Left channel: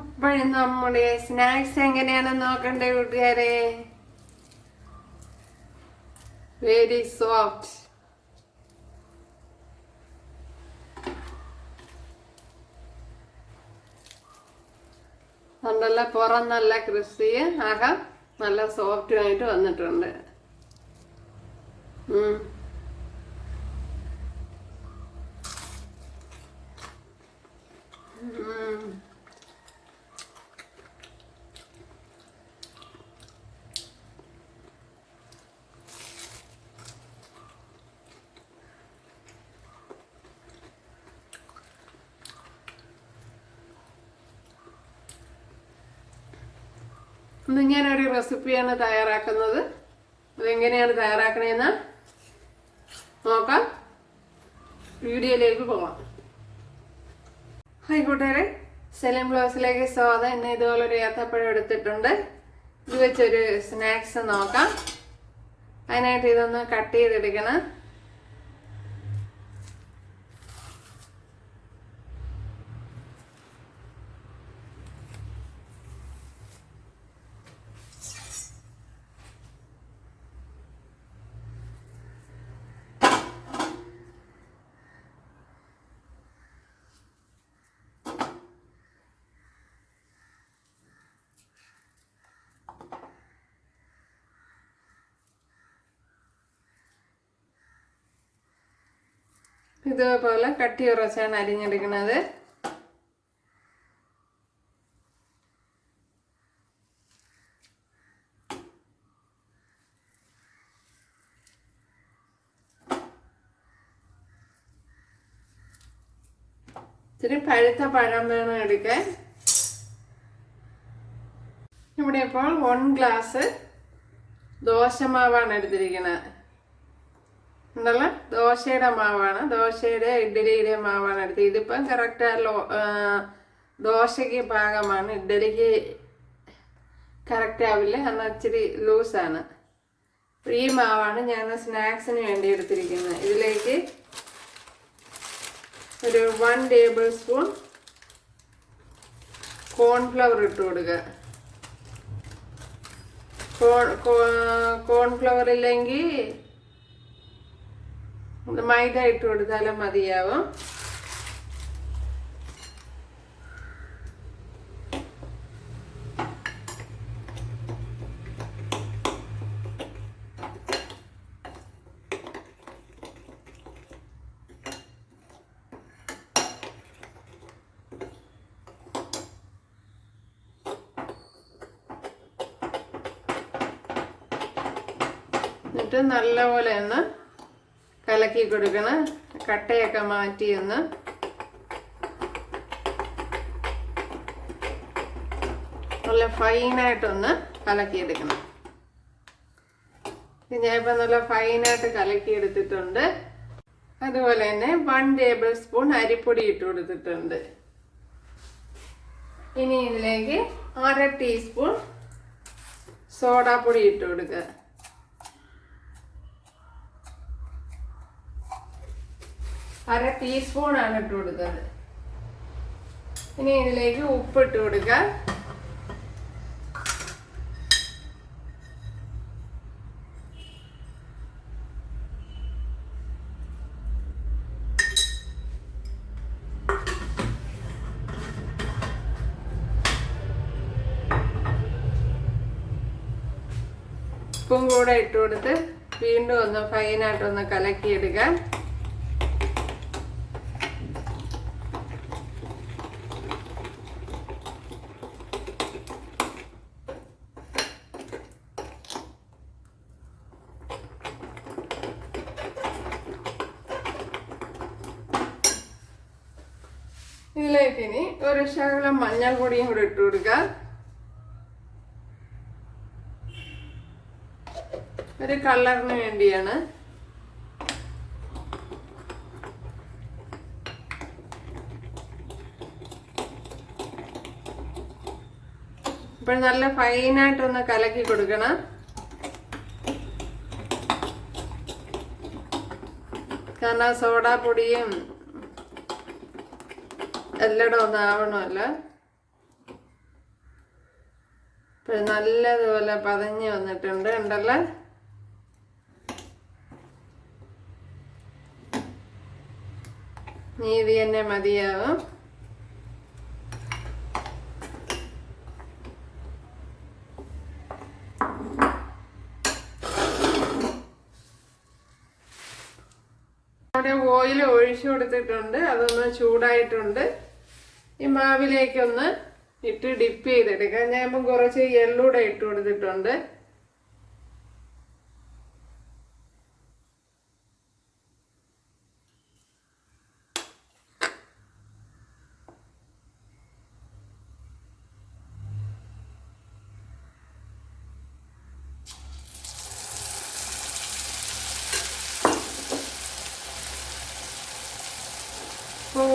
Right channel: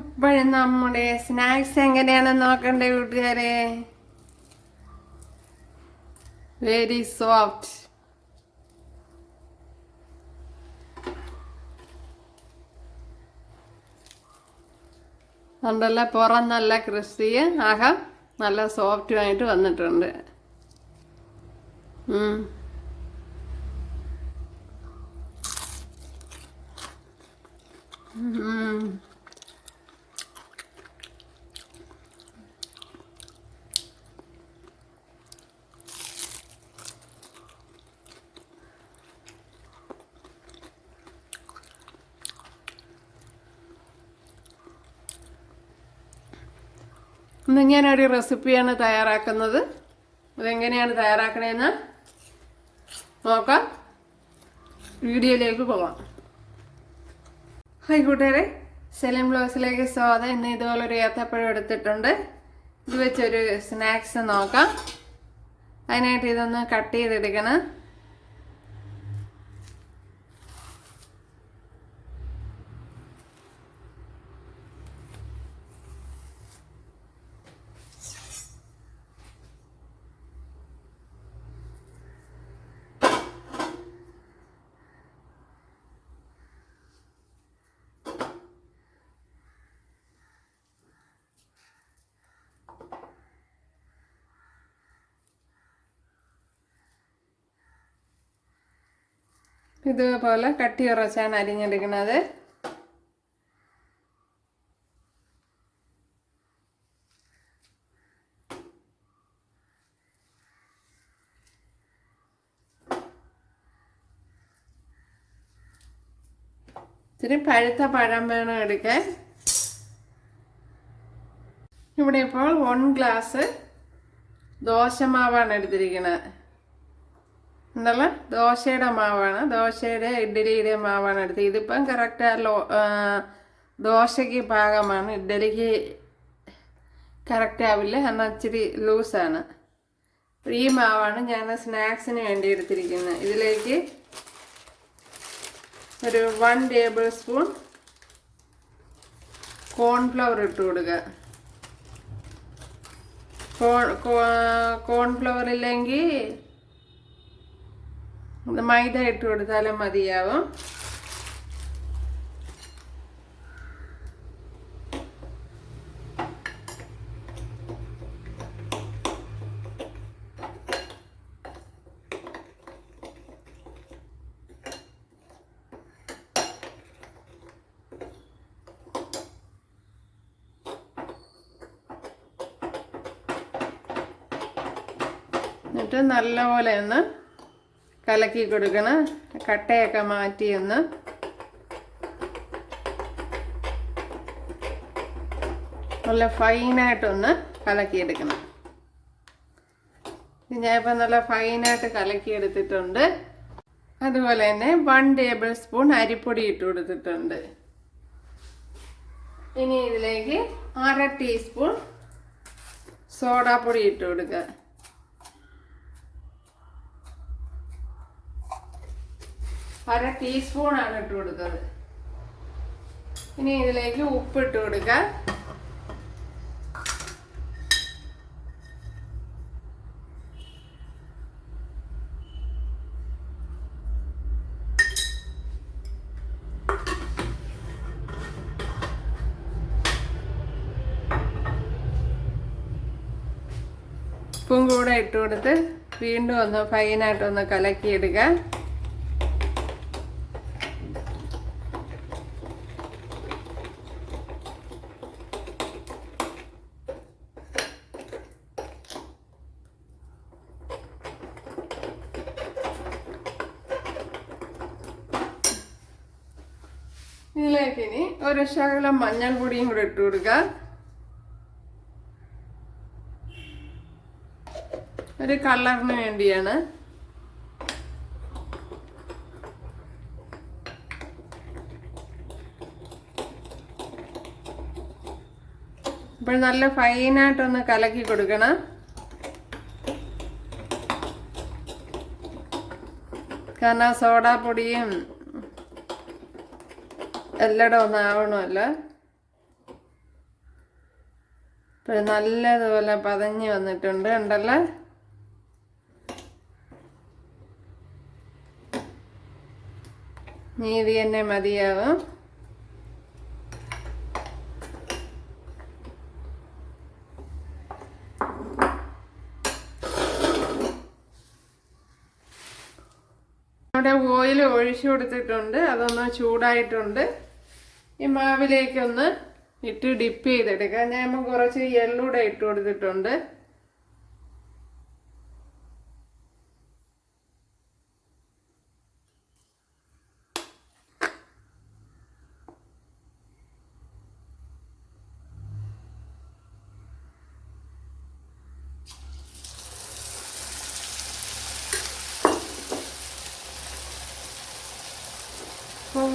അപ്പോഴും നമ്മുടെ സ്നാക്സ് എങ്ങനെയാണെന്ന് നോക്കണ്ടേ കൂട്ടുകാരെ? വെരി സോഫ്റ്റ് അതുകൊണ്ടല്ല പുറം നല്ല ക്രിസ്പി അകം നല്ല സോഫ്റ്റുമായിട്ട് വന്നിട്ടുണ്ട്. ഇന്ന് ഞാനൊരു റെസിപ്പിയാണ് തയ്യാറാക്കുന്നത്. അതെങ്ങനെയാണ് തയ്യാറാക്കണേന്ന് നോക്കാം. വീഡിയോയിലേക്ക് പോകാം ഹായ് കൂട്ടുകാരെ സെലിം ബ്ലൗസിലേക്ക് സ്വാഗതം. ഇന്ന് ഇതുപോലെ ഒരു ഏത്തപ്പഴം എടുത്തിട്ടുണ്ട്. ഇത് വെച്ചൊരു സ്നാക്സ് നോക്കാം. അതിനായിട്ട് ഇതൊന്ന് കട്ട് ചെയ്തെടുക്കണം. ഇതുപോലെ കട്ടി ഉറച്ചാണ് അരിഞ്ഞെടുക്കുന്നത് ഇത്തിരി പഴുത്ത പഴം വേണം എടുക്കാൻ. ഇവിടെ ഇപ്പോൾ വൺ ഗ്ലാസ് ദോശമാവാണ് എടുത്തിരിക്കുന്നത് എന്നുള്ള ദോശയുടെ മാവാണ്. ദോശയുടെ ഇഡ്ഡലിയുടെ മാവാണ് എടുത്തത്. ഇതിപ്പം കറക്റ്റ് ലോ ദോശയ്ക്ക് പാകമാണ്. ഇഡ്ഡലിക്ക് കറക്റ്റ് ആവില്ല. എന്നാൽ ഇച്ചിരി ലൂസാണ് ഈ മാവാണ് ഞാൻ സ്നാക്സിന് വേണ്ടി എടുത്തിരിക്കുന്നത്. ഇതിലേക്ക് ഒരു വൺ ടേബിൾ സ്പൂൺ കോൺഫ്ലവർ ഇട്ട് കൊടുക്കുക. കോൺ കോൺഫ്ലവർ ഇല്ലെങ്കിൽ മൈദ ഇട്ട് കൊടുത്താലും മതിയാവും. എന്നിട്ട് നല്ലപോലെ ഒന്ന് കലക്കി കൊടുക്കണം. കട്ടയൊക്കെ മാറ്റി ഒന്ന് നല്ല ഫൈനായിട്ടൊന്ന് കലക്കിയെടുക്കണം. ഞാനിപ്പോൾ നല്ല ഫൈനായിട്ട് കലക്കിയെടുത്തിട്ടുണ്ട്. അതുപോലെ തന്നെ വൺ ടേബിൾ സ്പൂൺ അരിപ്പൊടി ഇട്ട് കൊടുത്തിട്ടുണ്ട്. ഇനി ഇതിലേക്ക് അര ടീസ്പൂൺ സോഡാപ്പൊടി ഇട്ട് കൊടുക്കുക. അര ടീസ്പൂൺ ആണ് ഇട്ട് കൊടുത്തത്. ഇനി ഇതിലേക്ക് ഉപ്പ് ഇട്ട് കൊടുക്കുക ഉപ്പും കൂടെ ഇട്ട് കൊടുത്ത് വീണ്ടും ഒന്ന് ഫൈനായിട്ടൊന്ന് കലക്കിയെടുക്കുക ഇതിലേക്ക് ഇനി ഒരു ശകലം മഞ്ഞൾ പൊടിയും കൂടെ ഇട്ട് കൊടുക്കുക ഒരു കളറിന് വേണ്ടിയാണ്. അപ്പോൾ നല്ല ഫൈനായിട്ടൊന്ന് കലക്കി കൊടുക്കണം. കാരണം സോഡാപ്പൊടിയും എല്ലടം ഒന്നും ആവണമല്ല. ഇപ്പോൾ നല്ലതുപോലെ പതഞ്ഞ് വന്നിട്ടുണ്ട് ഉണ്ടല്ലോ നീതി തന്നെ മതിയാവും. ഓയിൽ ഒഴിച്ചു കൊടുത്തിട്ടുണ്ട് അതൊന്ന് ചൂടായിട്ടുണ്ട്. ഈ മാവിലേക്കൊന്ന് ഇട്ട് ഡിപ്പ് ചെയ്തെടുക്കാം. ഞാൻ കുറച്ച് എള്ളൂടെ ഇട്ട് കൊടുത്തിട്ടുണ്ട്.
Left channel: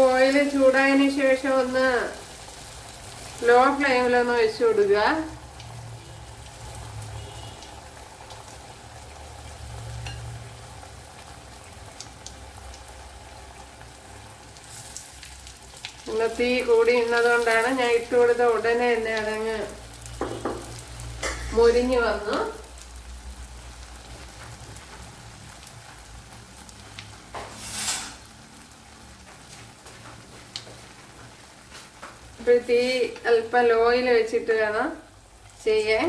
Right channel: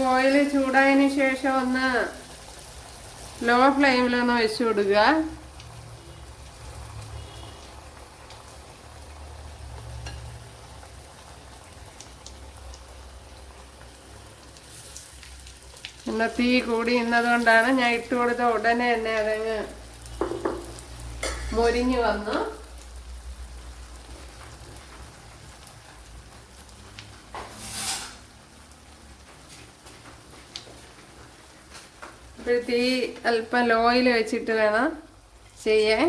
ഓയിൽ ചൂടായതിനു ശേഷം ഒന്ന് ലോ ഫ്ലെയിമിലൊന്ന് വെച്ചു കൊടുക്കുക. പിന്നെ തീ കൂടി ഇന്നതുകൊണ്ടാണ് ഞാൻ ഇട്ട് കൊടുത്ത ഉടനെ തന്നെ അതങ്ങ് മൊരിഞ്ഞു വന്നു. ഇപ്പോൾ തീ അല്പം ലോയിൽ വെച്ചിട്ട് വേണം ചെയ്യാൻ.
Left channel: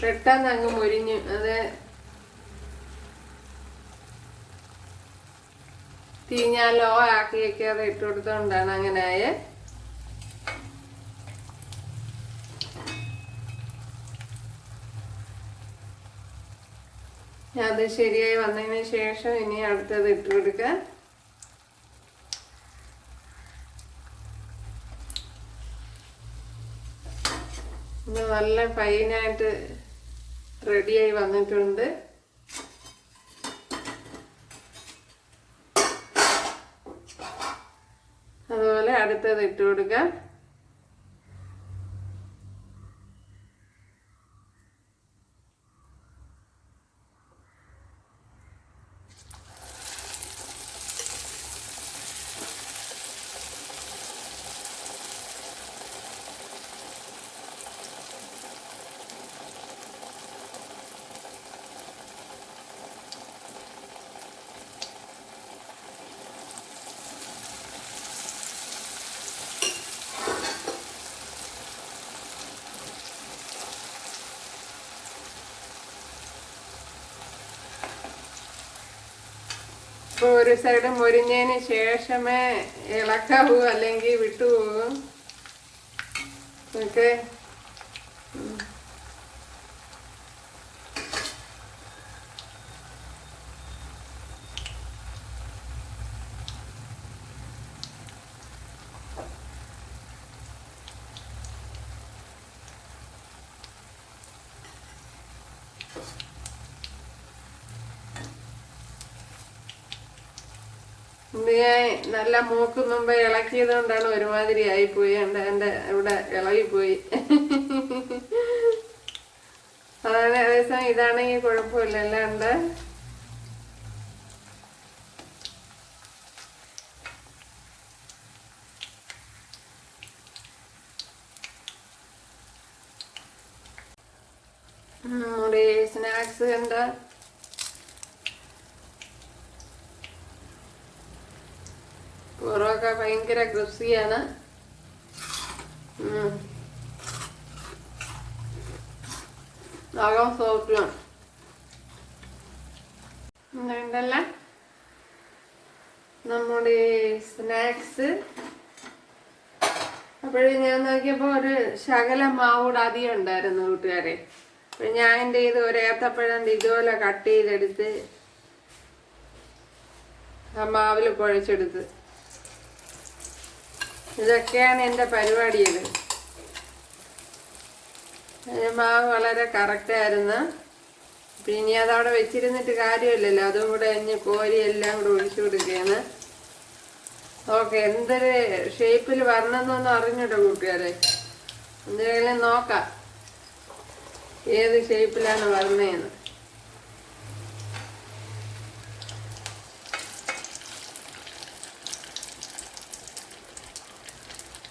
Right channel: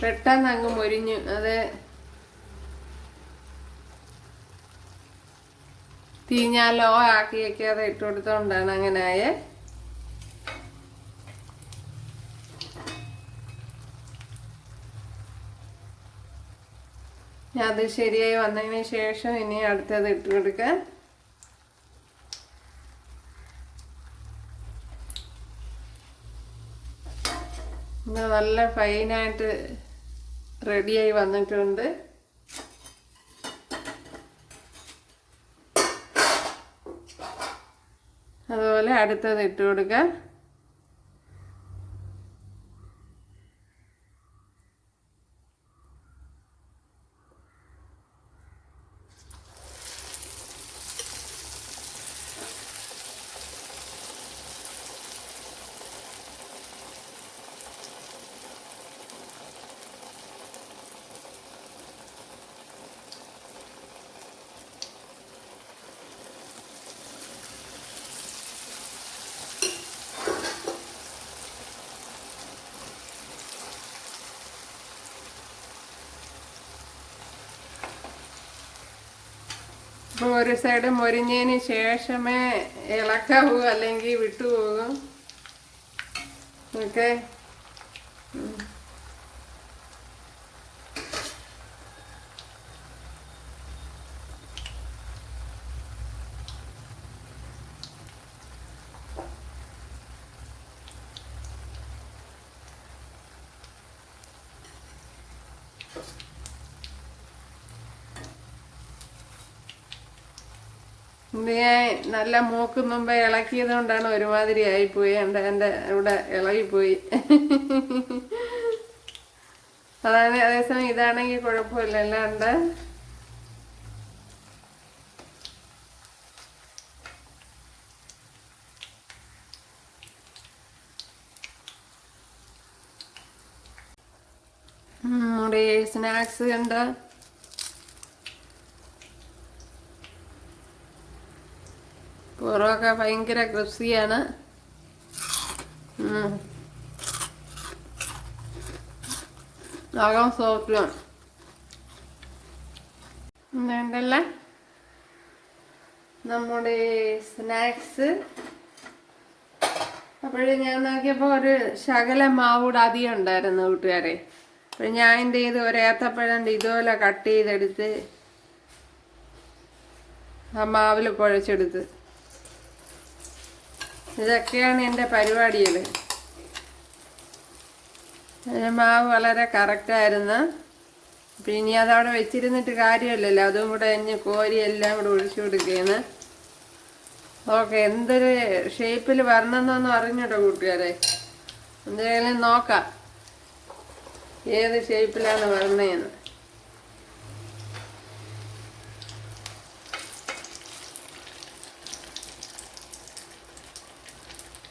പെട്ടെന്ന് അങ്ങ് മുരിഞ്ഞു അത്. തീ ഞാൻ ലോ ആക്കി വെക്കാതെ ഇട്ട് കൊടുത്തോണ്ടാണ് അങ്ങനെ ആയേ അത് ശരിയായി വന്നതിന് ശേഷം ഇനി അടുത്തത് ഇട്ട് കൊടുക്കാം. ഇത് നല്ല ഫൈനായിട്ട് റെഡിയായി വന്നിട്ടുണ്ട്. അതുപോലെ അടുത്തത് ഇട്ട് കൊടുക്കാം. ഒരു സൈഡ് മൊരിഞ്ഞതിന് ശേഷമേ ഇളക്കാവൂ അല്ലെങ്കിൽ വിട്ടുപോകും. ഓക്കെ? നല്ല മൂക്ക് മുമ്പേ ഇളക്കിയത് കൊണ്ടാണ് ഒരുമാതിരി ആയിപ്പോയി. എന്റെ എന്റെ ഇവിടെ ഇളകിപ്പോയി. അതാണ് അതേസമയം ഇതാണെങ്കിൽ കുഴപ്പമില്ലല്ലോ ഉണ്ട് നമ്മുടെ സ്നാക്സ് ഉണ്ട്. പുറമൊക്കെ ഭയങ്കര ക്രിസ്പിയാണ്. അകം സോഫ്റ്റുമാണ് ഉണ്ടല്ല നമ്മുടെ സ്നാക്സ്. അപ്പോഴും ഞാൻ നോക്കിയപ്പോൾ ഒരു ശകല മാവൂടെ അധികം ഉണ്ടായിരുന്നു കൂട്ടുകാരെ. അപ്പോൾ ഞാൻ എന്റെ ഇത് ഒരു ഏത്തപ്പഴം ഇതുപോലെ കട്ട് ചെയ്തെടുത്ത് ആ മാവിൽ കുഴച്ചെടുത്ത് ഇതൊക്കെയാണ് എന്റെ പരിപാടികൾ. മാവ് വളരെ കറക്റ്റായിരുന്നു അപ്പം ഇനി അതവിടെ വെച്ചിരുന്നിട്ട് കാര്യമില്ലല്ലോ. അതും കൂടെ അഞ്ഞ് കോരി എല്ലാം കൂടെ ഒഴിച്ചു കൊടുക്കുകയാണ് ഓക്കെ എന്തൊരു ഷേപ്പിൽ വരണമെന്നൊന്നും അറിഞ്ഞിട്ടോ കൂട്ടുകാരെ? എന്തെങ്കിലും നോക്കാം. ഏത് ഷേപ്പിലാണ് വരണേന്ന്.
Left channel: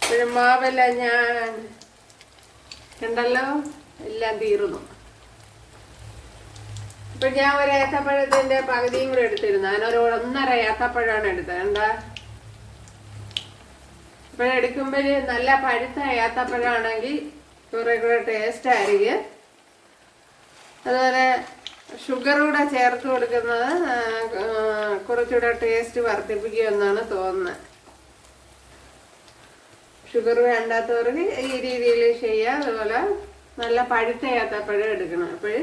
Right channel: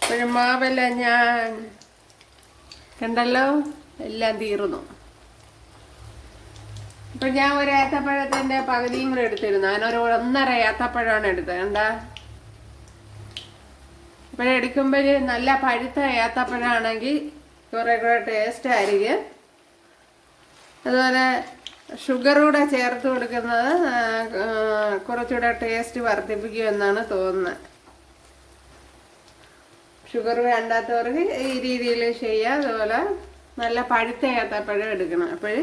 ഇപ്പോഴും മാവല്ല ഞാൻ കണ്ടല്ലോ? എല്ലാം തീർന്നു. ഇപ്പൊ ഞാൻ ഒരു ഏത്തപ്പഴത്തിന്റെ പകുതിയും കൂടെ എടുത്തിരുന്നു. അതിനൊരു ഒന്നര ഏത്തപ്പഴമാണ് എടുത്തത്. എന്താ അപ്പോഴെടുക്കുമ്പോൾ നല്ല പഴുത്ത ഏത്തപ്പഴമാണെങ്കിൽ കുറെ കൂടെ ടേസ്റ്റ് ആയിരിക്കും. അതുപോലെ ഷുഗർ കൂടെ ചേർത്ത് കൊടുക്കുന്നത് കുറച്ചുകൂടെ ടേസ്റ്റ് വർദ്ധിപ്പിക്കുമെന്നാണ് തോന്നുന്നത്. ഷുഗർ വേണ്ടാത്തവർക്ക് ഈ രീതിയിൽ ചെയ്യുക അതുപോലെ നല്ല പഴുത്ത ഏത്തപ്പഴം എടുക്കണം. അപ്പോൾ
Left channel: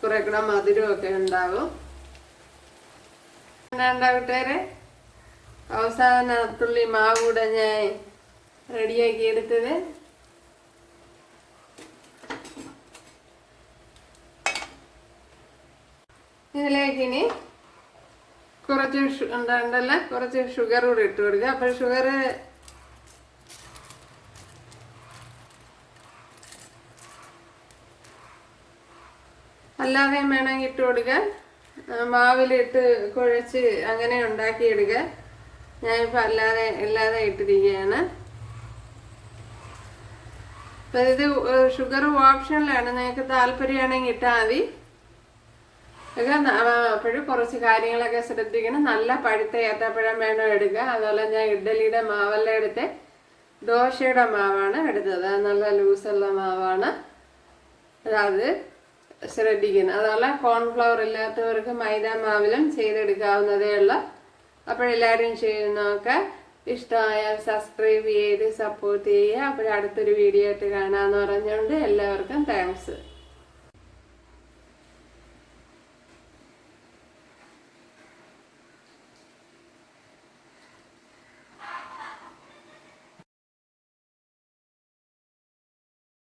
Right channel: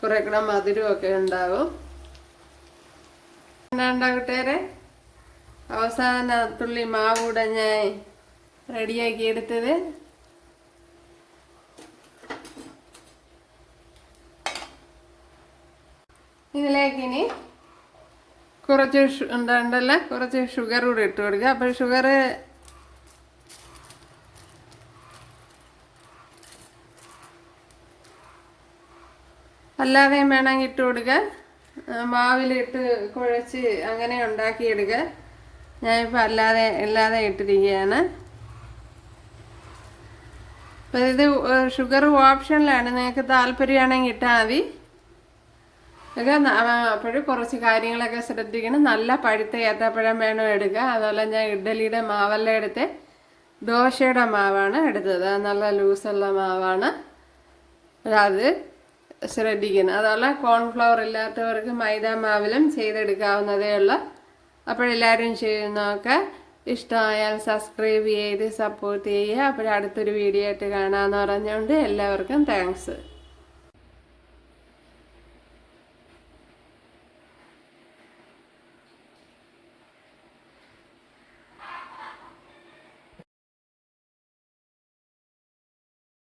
കുറെ കൂടെ മധുരമൊക്കെ ഉണ്ടാവും. ഉണ്ടാവട്ടേരെ അവസാന തുള്ളി മാവ് കൂടെ ഞാൻ റെഡിയാക്കി എടുത്തത്. ഇതിലേക്ക് ഇനി കുറച്ച് ഉണ്ടല്ലോ കുറച്ച് ഷുഗർ കൂടെ ഇട്ട് കൊടുക്കുക. അപ്പം ഷുഗർ അല്ലാതെയും വേണമെങ്കിൽ ഇട്ട് കൊടുക്കുക ആ, മാവിലിട്ട് കുഴച്ച് അങ്ങനെ ഉണ്ടാക്കിയെടുക്കുക ഞാനിപ്പോൾ അല്ലാതെ അല്ലാതെ ഇട്ടിരിക്കുകയാണ്. അപ്പം ഇത് ഷുഗർ ഓപ്ഷനിലാണ് നിങ്ങൾക്ക് താല്പര്യമാണെങ്കിൽ ഇട്ടാൽ മതി. അപ്പോഴും കുറച്ച് കാര്യങ്ങളൊക്കെ ശ്രദ്ധിക്കണം. നല്ല പഴുത്ത ഏത്തപ്പഴം വേണം എടുക്കുക അതുപോലെ ഞാൻ ഇഡ്ഡലിയുടെ മാവല്ല എടുത്ത്. ദോശയുടെ മാവാണ് എടുത്തത്. നല്ല ലൂസുള്ള മാവാണ്. അത് ശ്രദ്ധിക്കണം അതുപോലെ കോൺഫ്ലവർ ഇല്ലാത്തവർക്ക് മൈദ മാവിലും ചെയ്തെടുക്കാവുന്നതേ ഉള്ളൂ. അപ്പോഴെല്ലാവരും ചെയ്യുന്നതൊക്കെ ഇഷ്ടമായാൽ സബ്സ്ക്രൈബ് ചെയ്ത് സപ്പോർട്ട് ചെയ്യുക. അപ്പോഴടുത്തൊരു വീഡിയോ ആയിട്ട് കാണാമെന്ന് പറഞ്ഞുകൊണ്ട് എല്ലാവർക്കും താങ്ക്സ്